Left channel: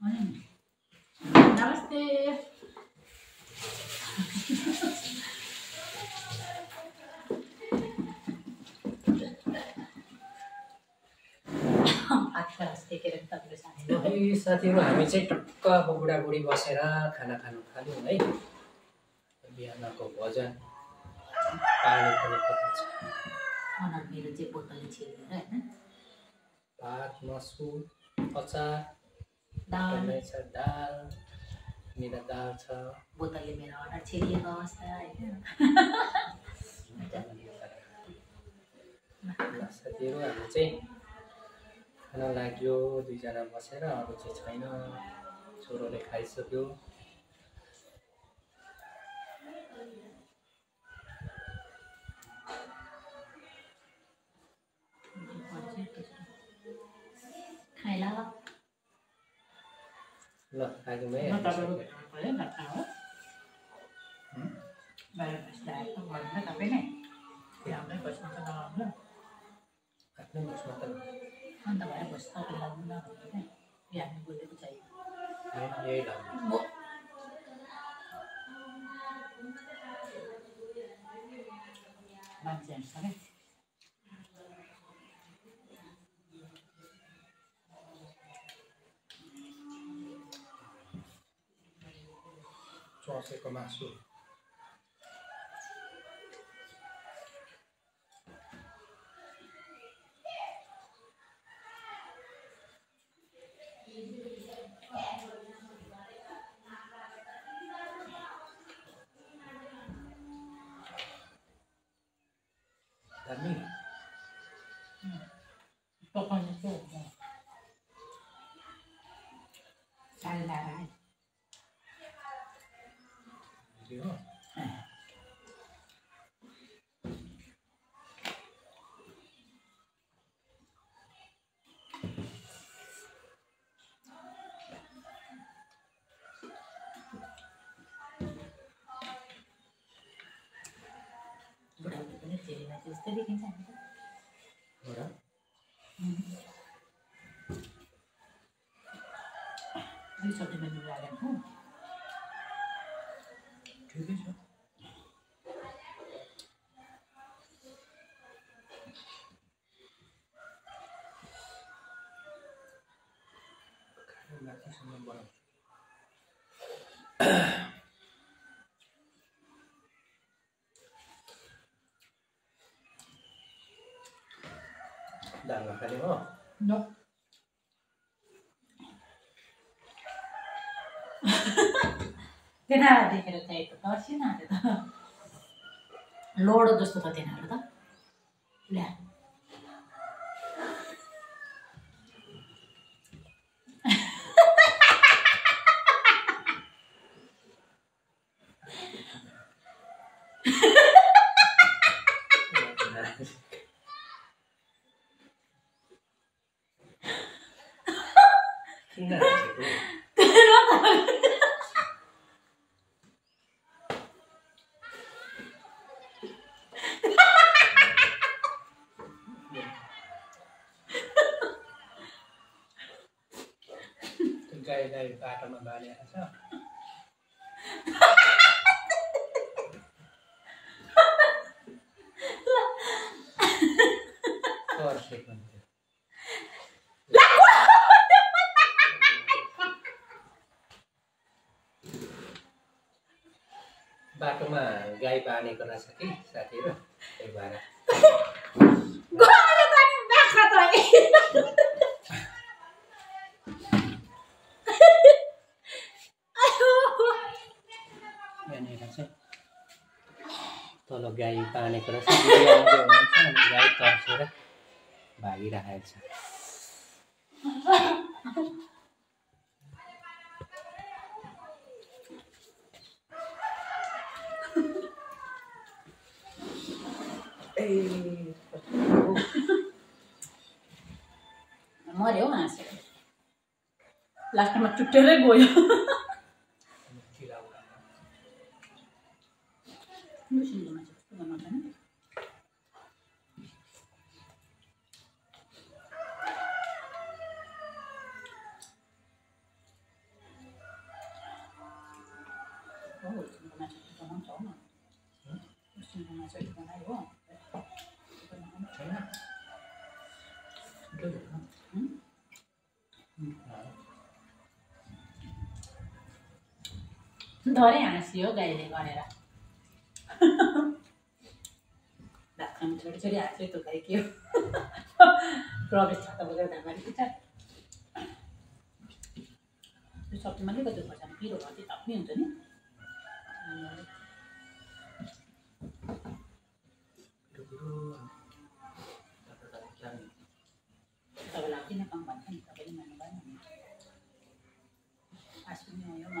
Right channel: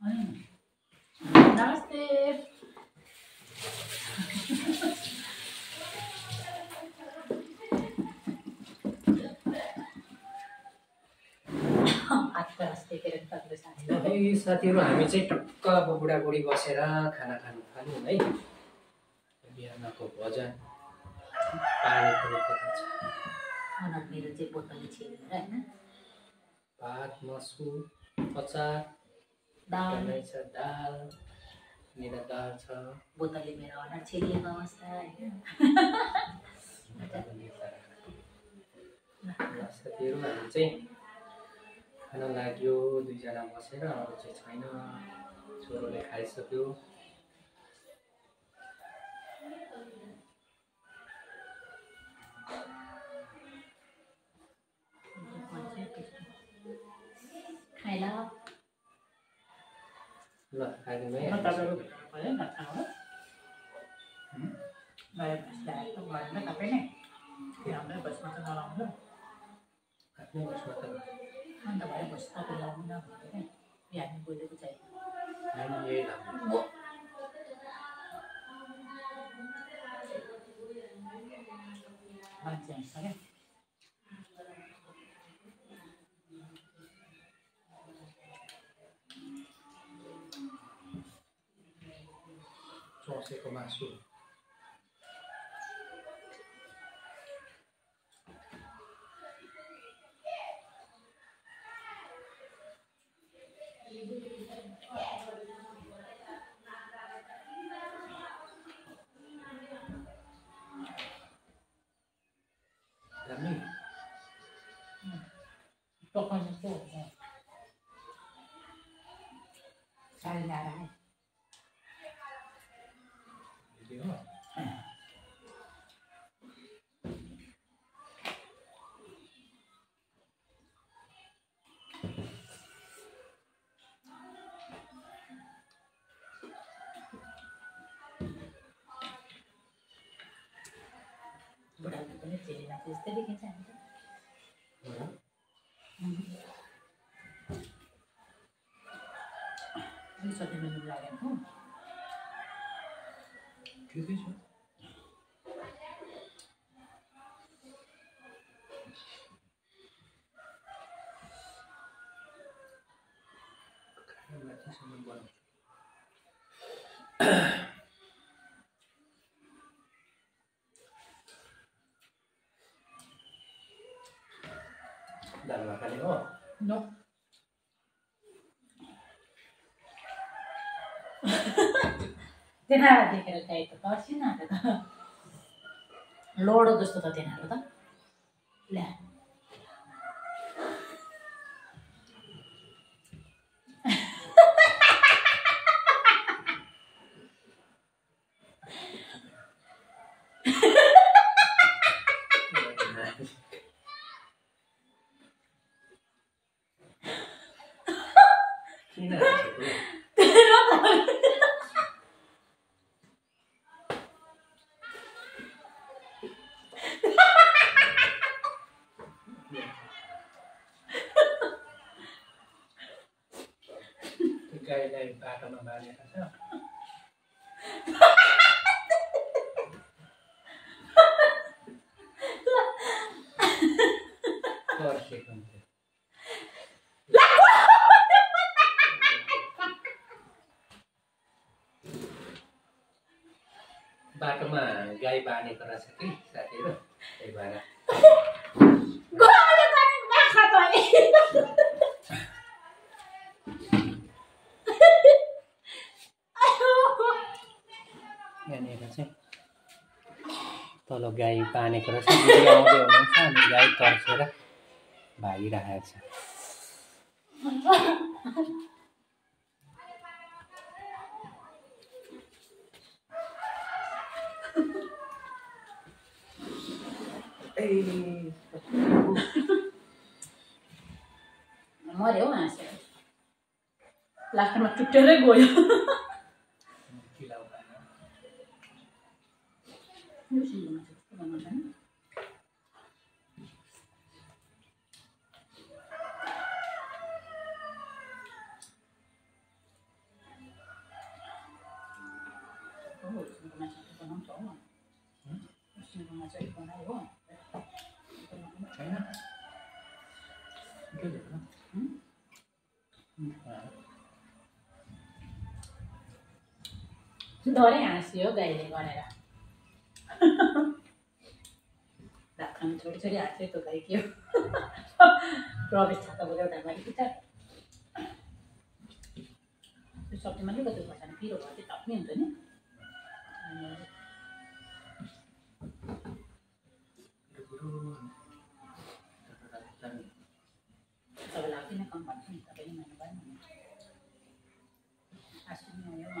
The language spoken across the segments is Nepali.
नमस्ते। साथीहरु हामी चाहिँ टक्क अब बुढाबुढी बसेर खाना खानु थाल्यौँ है। बिहानको भोजन पानी पनि पकाउँछ। मेरो चाहिँ बोतलले छिर्दैन हैन। भात मासु अचार दाल छ, दाल मेरो दाल छ। बोतलले मेरो अनुहार छिरिएको अवस्था हैन। साथीहरु हामी चाहिँ खाना लाग्यो दुईजना बसेर, अरू चाहिँ छैन। छोरोले खाइसक्यो। खाइला ल लाग्यो है। अन्त भएर बस्दा लाउनु न भनेर बिहान बोलेको चाहियो। यही लाग्यो। मान्छे आइसक्यो। चौसेको मासु दामी पकाउनु चाहिँ हुन्छ। चाल्दा राई हो। बुढाबुढी पनि फेरिमा त्यस्तै देखिन्छ हामी त। अलिक सधैँ मेनु लागेन हो। ठिकै छ। खाना माथिसम्म बनाउँछु। दाल खाने हो? नो। तेनारा देखेर चाहिँ त तर्सिन आएको त। लोडो जस्तो त तेनाहरू त। ल्या किन गाईलाई बाटोमा बाँधेको छ। तर्सेको हुन्छ। बाटोमा गाई बाँधेको रहेछ कि साथीहरु, त्यही भएर तल गाई बाँधेको रहेछ। आउँदै हुनुहुन्छ अनि गाई तर्सेर भागिरहेको छ। मर्यो हौ हाँसेर। लास्टमा चुट्टेरै गयो। सुँगुरको मासु बनाउँछ हो सुँगुरको मासु अलिक बनायो हो छैन मिठो थियो डरै हाँस्यो गाईले गरेर भात खानु छोडी छोडी हाँस्यो त्यो गाई के हो प्रवेश छ त एउटा गाडी पुग्छ त्यो सब्जीमा अलिकति खोर्सानी पिरो भयो त्यो टप्पै हुन्छ नि तपाईँलाई लाग्दैन कम भन्छ नि तपाईँले मान्नु भएन भने आश्विनी हो म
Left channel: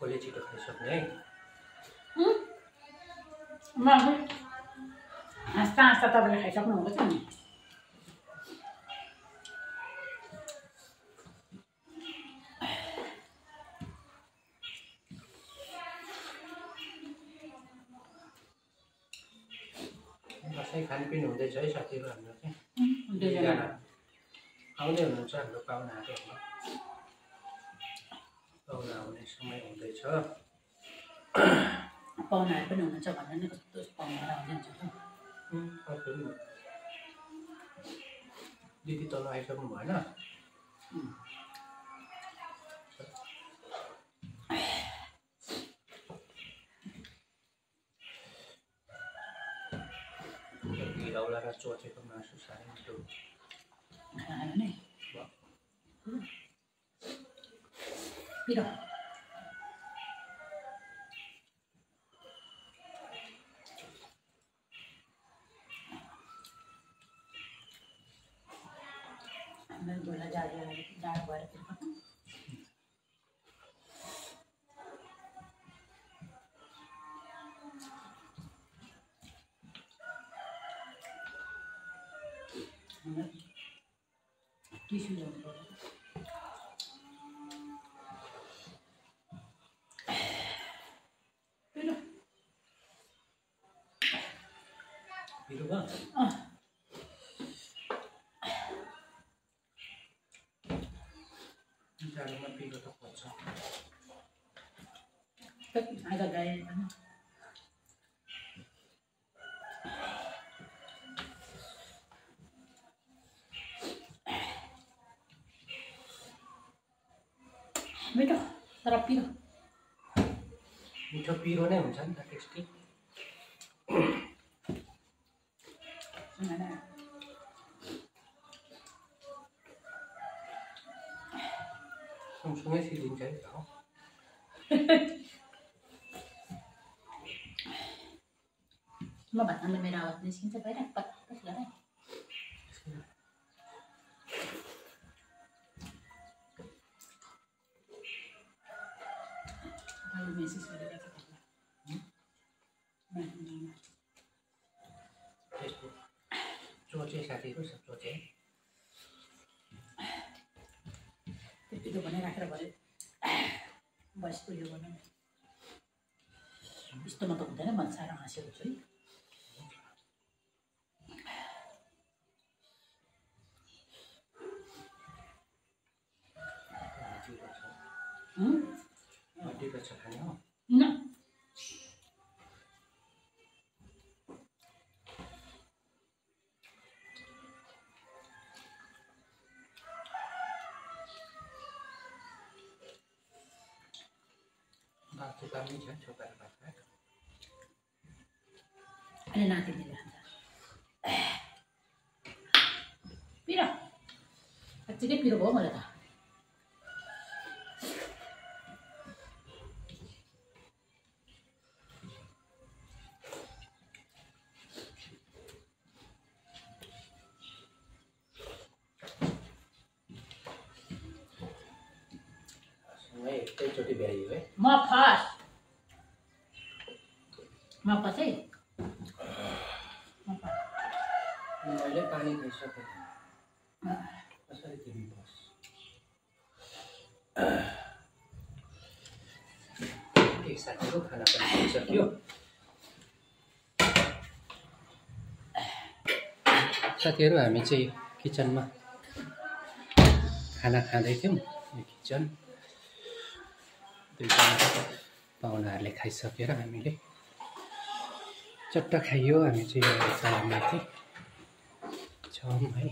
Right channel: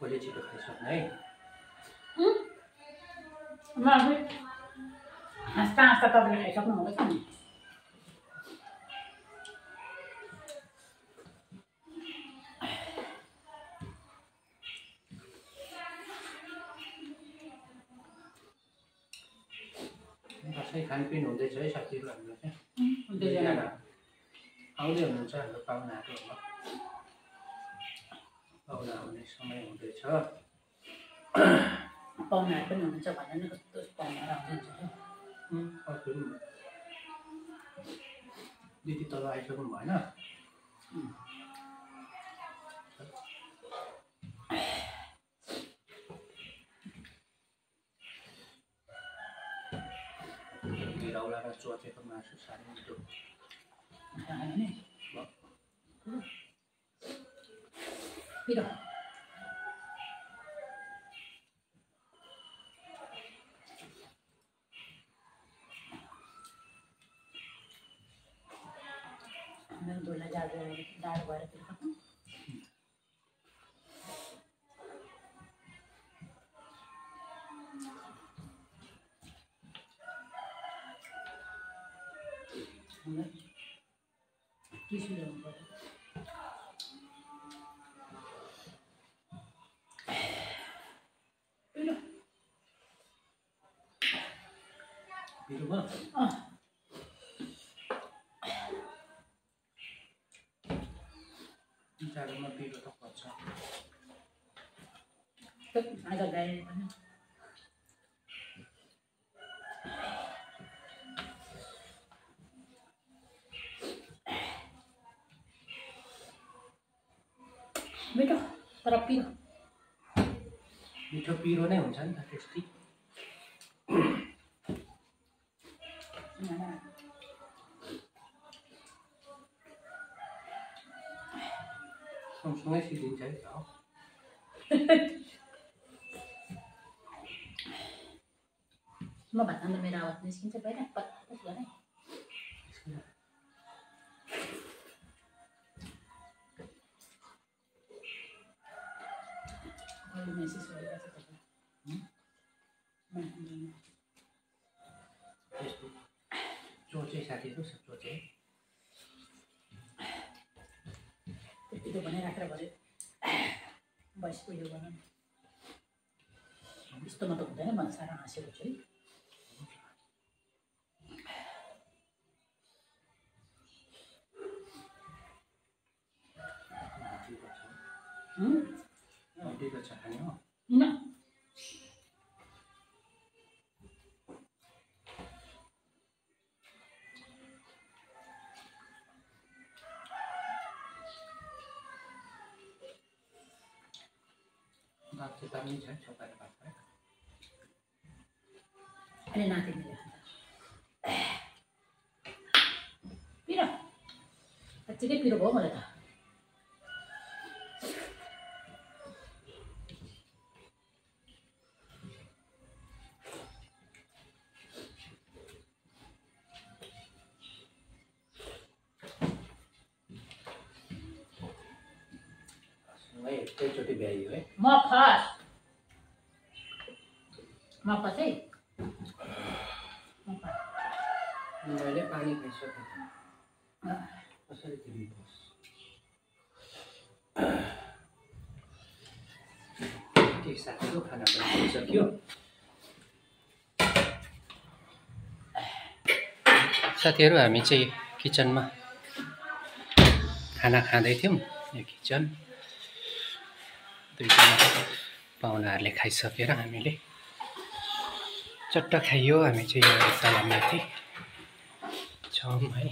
कसले छिटो खाइसक्ने है हाँस्दा हाँस्दा तपाईँले खाइसक्नु भएको छ नि दसैँ खानपिन हुँदैछ है साथीहरू हाम्रो चाहिँ दुईजना आउँदै हुनुहुन्छ हाम्रो पाहुनाहरू पाहुना आउने समय हुँदैछ पाहुनाहरू पनि हुनुहुन्छ भनेर नि कस्तो पाहुनाहरू आउनुहुन्छ दिदी तल आइसक्नु भएन घिरौलाका चोचेको मासु साह्रै मिठो खायो नि पिरो मेरो बोला जाडो भएर फेरि कता टिस्यु ल्याउनु पर्यो पिरो भयो जाडोमा पिरो त पर्छ आज गाई पनि मिठो तर पिरो मिठो पिरो नै हुन्छ नि त टेस्टी सँगसँगै सिद्धिन्छ है त हो म भात खाँदा मेरो आवाज निस्किन्छ बाहिर पत्पत गरे मेसेज गरिरहेको छ तपाईँलाई फेसबुक चोचे साथीहरू सब चोचे त्यो बनाइराखेर भयो बसेको यो बनाउनु यस्तोमा त हुँदैन मन साह्रो हाँसेको छु है हड्डीको छ खाने हो न भात चाहिँ पानी छ छोपाएर भात अहिले नातिनीले खान्छ पिरो साँच्चीकै पिरो भयो मलाई त एकैचोटि भ्याइयो है म फर्स्ट म पछि मैले पानी खाइसकेँ कसरी तिमी बस के साथीको खाना पनि खाइसक्यो साथीहरू हामी चाहिँ किचनमा खाना खाँदै थियौँ। यो किचन दुईजना पाहुनाहरूले खाइसकेर हामीले चट्ट खाइयो। हामी चाहिँ यो तल माथि छौँ है।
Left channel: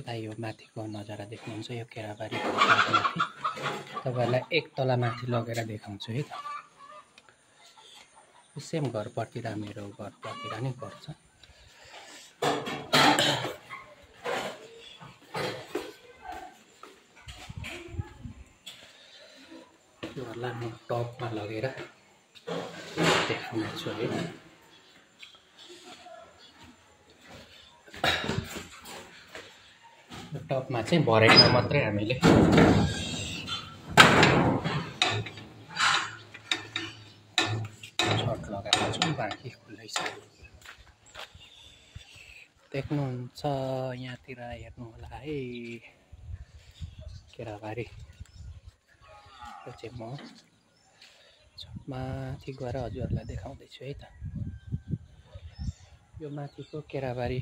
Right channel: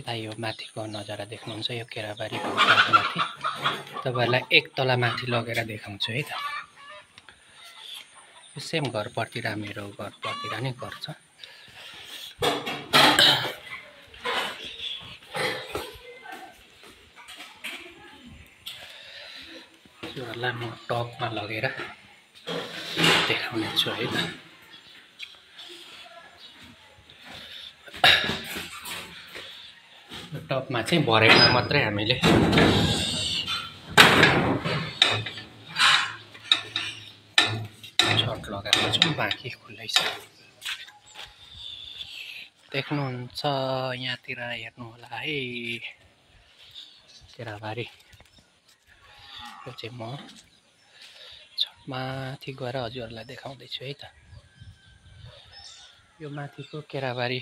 यता यो माथिको नजारा देख्नुहुन्छ, यो केराबारीको माथि तपाईँहरूलाई एक तला माथि लगेर देखाउँछु है त। यो सेम घरपट्टि मेरो घरपट्टि नै घर छ। योहरूलाई म टपमा लगेर देखाउने छु है त। यो टपमा चाहिँ भरेमा मात्रै हामीले छट लगाएको छौँ, बाँकी खुल्लै छ। देख्नुहुन्छ यहाँतिर हेर्नु होला है केराबारी। यो चाहिँ म छटमाथि गएर हजुरहरूलाई देखाउँदैछु है त। यो माथिको केराबारी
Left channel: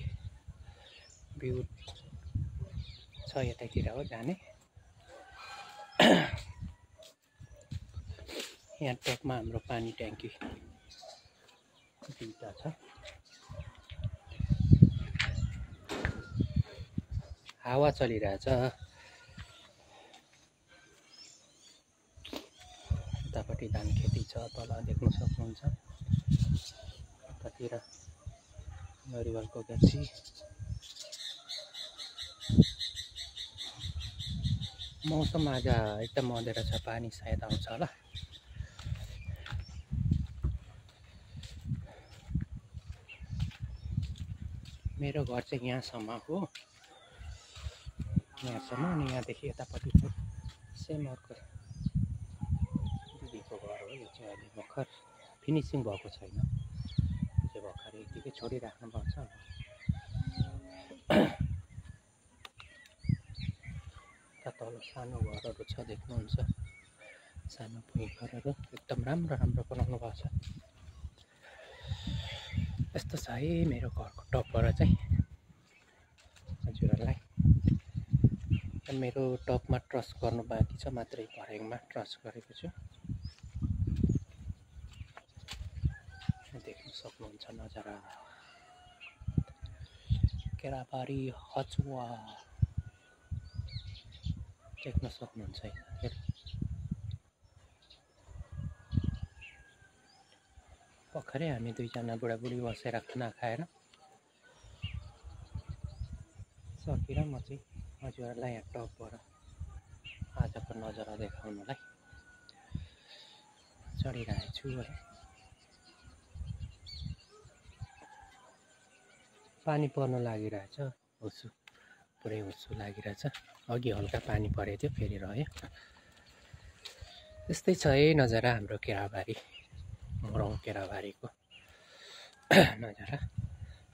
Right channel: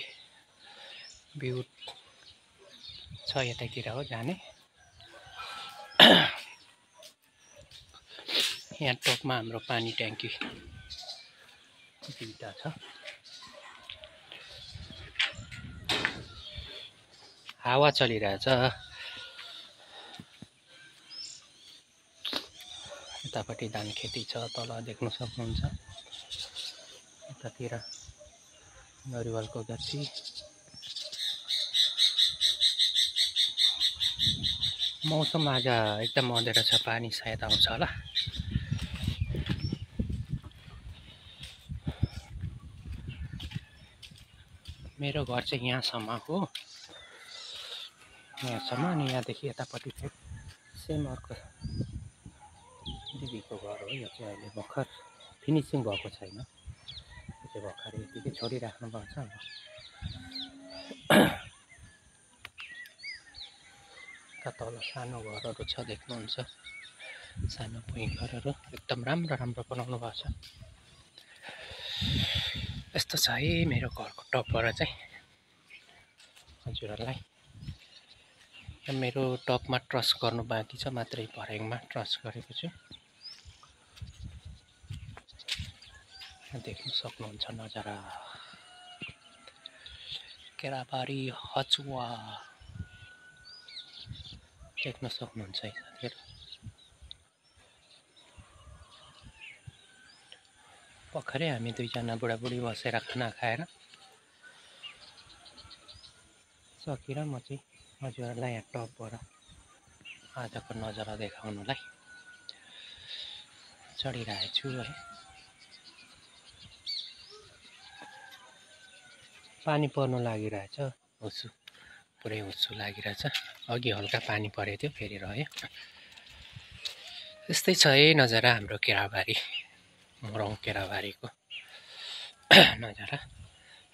भ्यू छ, यतैतिर हो जाने। यहाँ टपमा हाम्रो पानी ट्याङ्की दुईटा छ। हावा चलिरहेछ। यतापट्टि धान खेती छ, तल देख्न सक्नुहुन्छ। यतातिर नरिवलको गाछी। मौसम आज एकदम अँधेरो छ, पानी सायद आउँछ होला। मेरो घर चाहिँ यहाँसम्म हो, यहाँसम्म। अनि यहाँदेखि यतापट्टि चाहिँ सेम अर्को दिदीको घर हो। यो चाहिँ अहिले भर्खर फिनिसिङ भएको छैन, त्यो भर्खर यतिकै छोडिराख्नु भएको छ। तल सानो घरहरू छ देख्नुहुन्छ, सानो भुइँ घरहरू एकदम राम्रो राम्रो बनाउनु भएको छ। यस्तो छ है मेरो घरको टपबाट चाहिँ हजुरहरूलाई। मेरो टपमा ट्रस गर्नु बाँकी छ, मात्रै भर्याङमा ट्रस गरेको छु। देख्न सक्नुहुन्छ नजारा केराबारी हचुवा देख्न सक्नुहुन्छ है साथीहरू। भर्खरै हामी दुईजना बुढाबुढी बसेर खाना खाएर सकेर म चाहिँ हजुरहरूलाई यहाँ टपबाट आजको नजारा देखाउनलाई चढिरहेको छु है। पानी पर्नु लागिरहेछ, हुस्सु पुरै हुस्सु लागिरहेछ। अघि हल्का पानी परेको थियो, फेरि रह्यो। यस्तै छ है नजारा हाम्रो केराबारी, मोरङ केराबारीको नजारा।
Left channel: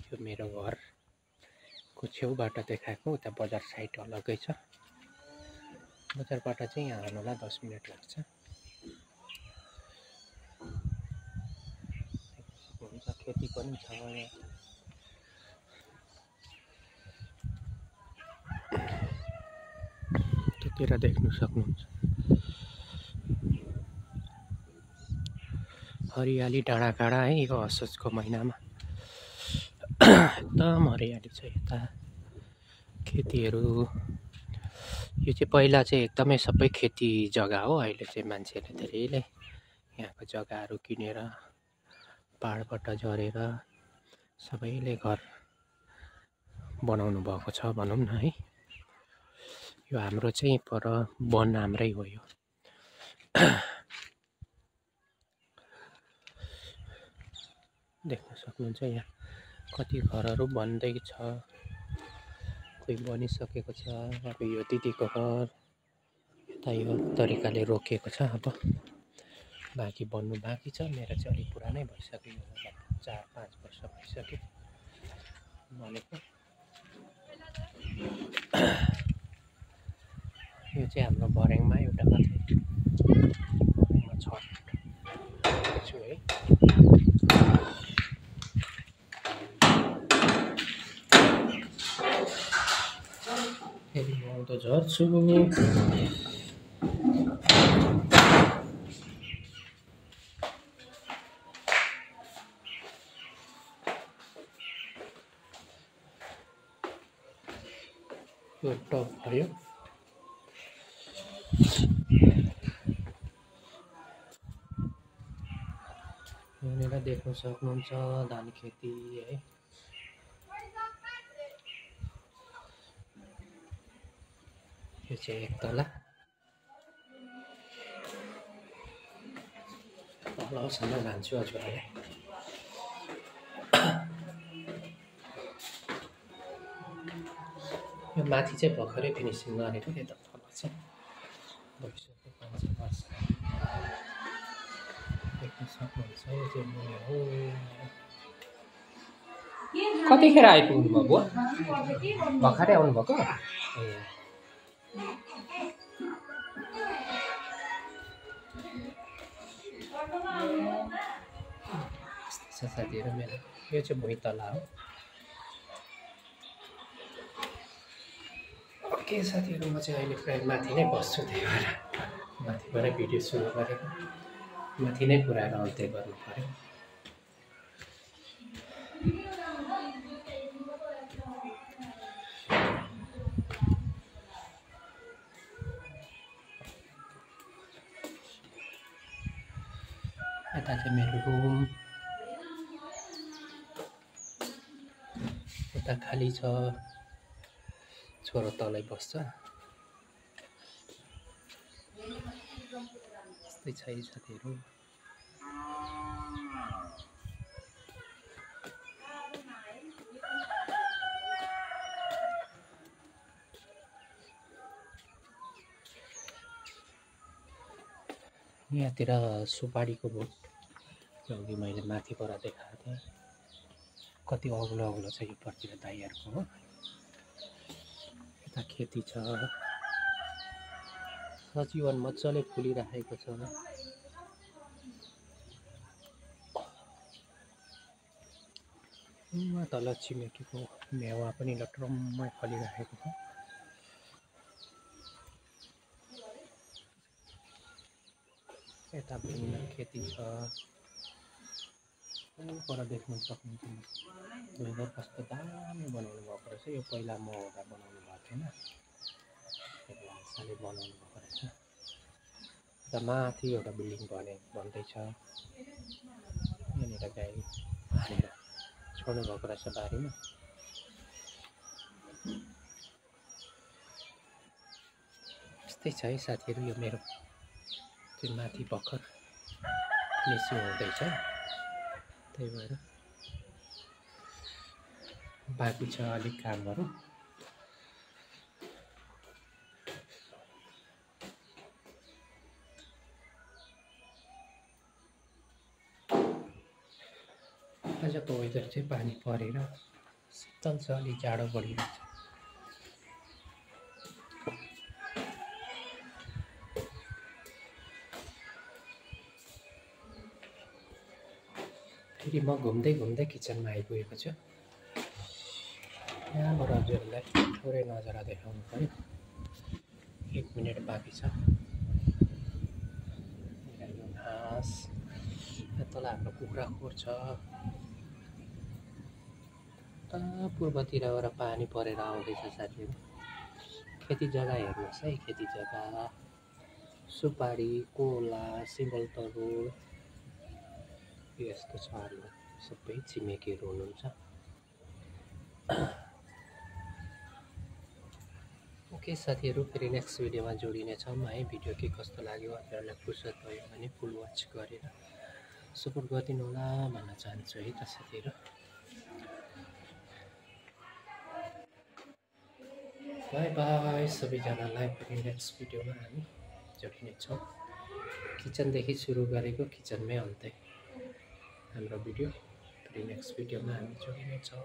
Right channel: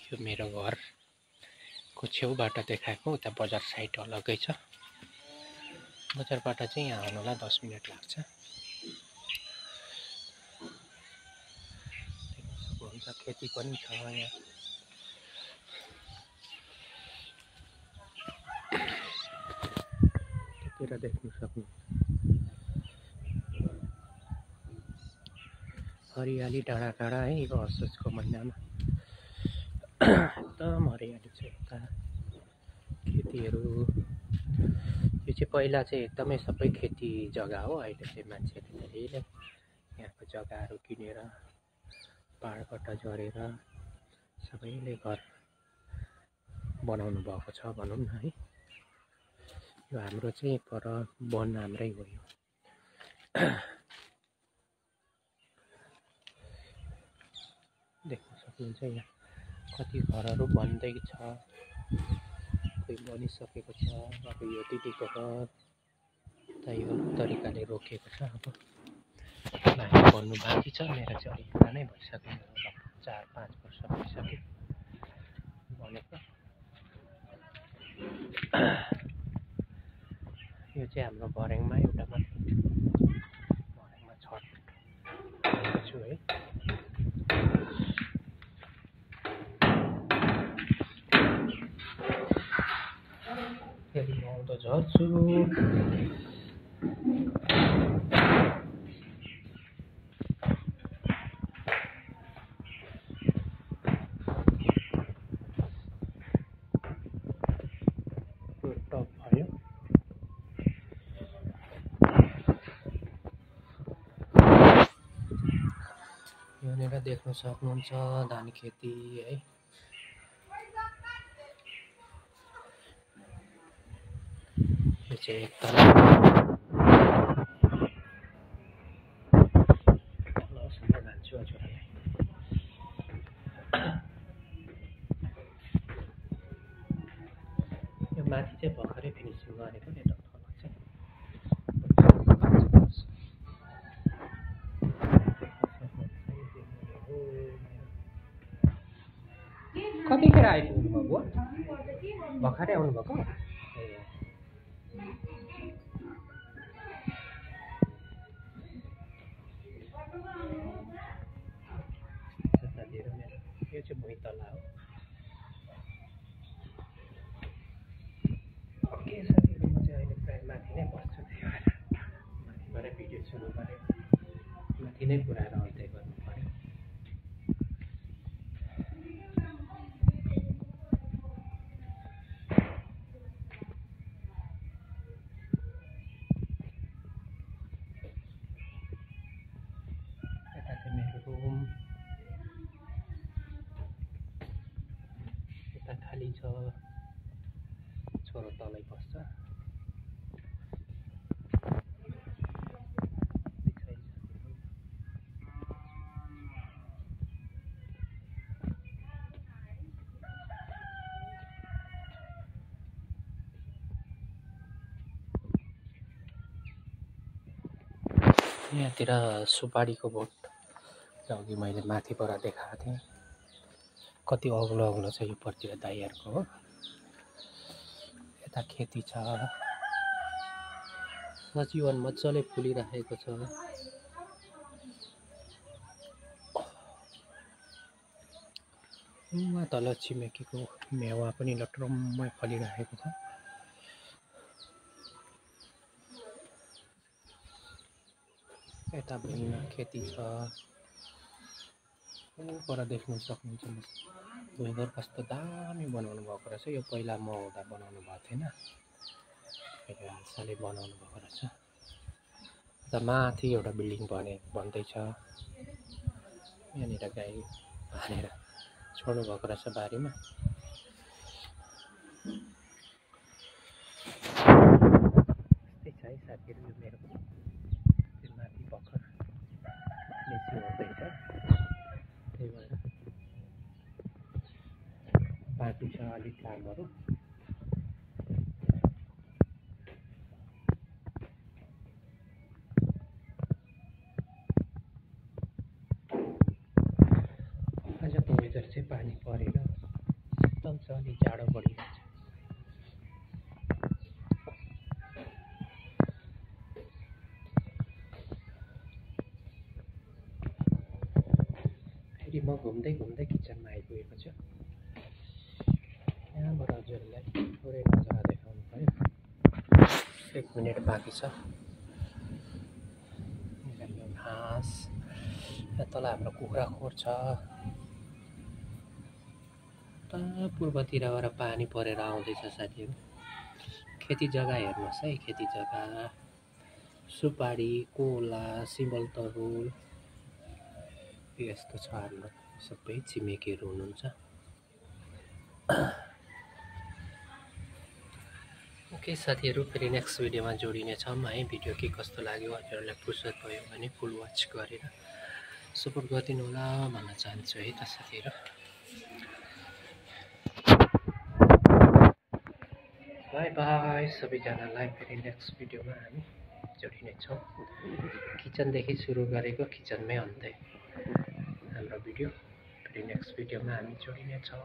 यो मेरो घरको छेउबाट देखाएको, उता बजार साइड अलग्गै छ। बजारबाट चाहिँ यहाँ आउनुलाई 10 मिनट लाग्छ। देख्न सक्नुहुन्छ खेती पनि छ यहाँ। त्यतिर देख्न सक्नुहुन्छ हरियाली डाँडाकाँडा है। यो असोजको महिनामा एकदम हरियाली छ यता। खेतीहरू यो चाहिँ पहिला चाहिँ एकदमै सबै खेती जग्गा हो। अहिले चाहिँ मान्छेले धेरैले यहाँको जग्गाहरू किनेर पाहाडबाट झरेर सबैले घर बनाउनु भएको छ भनौँ न है। यो हाम्रो चाहिँ पर वन हाम्रै हो। यो देख्न सक्नुहुन्छ यहाँ कति घरहरू बन्दैछ, कोही बनिसकेको छ। अब यो दिदीको घर त यो तरिकाले रोकिएको छ। अब बाँकी बन्नु बाँकी छ। मेरो चाहिँ अलिक पुरानै भइसक्यो, लगभग 4-5 वर्ष भइसक्यो बनेको। यो चाहिँ हाम्रो भर्याङमा एउटा मात्रै भर्याङमा छट छु है। फेरि म आउँदो झर्छु। यो टप भयो। यहाँनिर देख्न सक्नुहुन्छ धान खेती है। यो चाहिँ एक तल तलसम्म जान्छु हजुरलाई। यो माथि चाहिँ भर्खरै फिनिसिङ गरेको यता तल चाहिँ कतिखेर आइपुग्नु भयो बुवा? भर्खरै आउनुभएको? ए साथीहरू मेरो यो चाहिँ भुइँ तला हो। ओके साथीहरू, म चाहिँ अहिले प्रायः माथि नै बस्छु, त्यही भएर माथिबाटै भिडियो सुरु गरेको। माथि नै पुऱ्याएर अन्त्य गर्नु पर्यो। यता चाहिँ मेरो रुम, यता खाली छ, छोरो तलै बस्छ। यस्तै छ है साथीहरू। यहाँतिर सुपारीको बोट अघि मैले माथिबाट देखाएको थिएँ। कति अग्लो अग्लो छ यो पर्तिर दाइहरूको हो। यता खेती छ, सजीवन मजाले फुलिरहेको छ। उहाँ तल छिमेकीको मेवा पनि लटरम्मै फलिरहेको छ। यता भिन्न खेती छ। पर देख्न सक्नुहुन्छ वेदर कस्तो दामी बनाउनु भएको रहेछ। यो पहिला म हुँदा बनाउनु भएको थिएन, हालसालै बनाउनु भएको रहेछ। यता माथि एउटा बिल्डिङ बन्दैछ। यहाँनिर गाई हालेर छोड्नु भएको रहेछ बारीमा। यस्तै छ है साथीहरू। यो मेरो त्यो माथि भर्खर फिनिसिङ हुँदैछ, त्यही भएर बाँकी छ अलिक कामहरू। आजको वेदर चाहिँ पानी परेर शीतल छ, अलिक जाडो बढिरहेको छ। फेरि म घुम्दै घुम्दै किचनमा आइपुगेको छु। यहाँबाट हजुरहरूलाई थोरै नजारा देखाउनु पर्यो। 1 मिनट बाँकी छ। यो घाँस, यहाँ तल हाम्रो कुखुरा खोर छ। पूर्वतिरबाट पानी परेर आउँदैछ साथीहरू। खेती जग्गा हेर्नुहोस् है, खेती जग्गा, सुपारी, कोला, सिमल तरुल यस्तो छ। हाम्रो सबै छिमेकीहरू हुनुहुन्छ। ओके साथीहरू, फेरि नेक्स्ट भिडियोमा जोडिनेछौँ है। भिडियो के कस्तो लाग्यो हजुरहरूलाई फुर्सद भयो भने फुल वाच गरेर सपोर्ट गरिदिनु होला भन्न चाहन्छु है त साथीहरू। बाई बाई सबैजनालाई। फेरि नेक्स्ट भिडियोमा हामी जोडिनेछौँ। किचनदेखि सुरु गरेको किचनमै अन्त्य हाम्रो भिडियो। फेरि नेक्स्ट भिडियोमा हामी जोडिनेछौँ।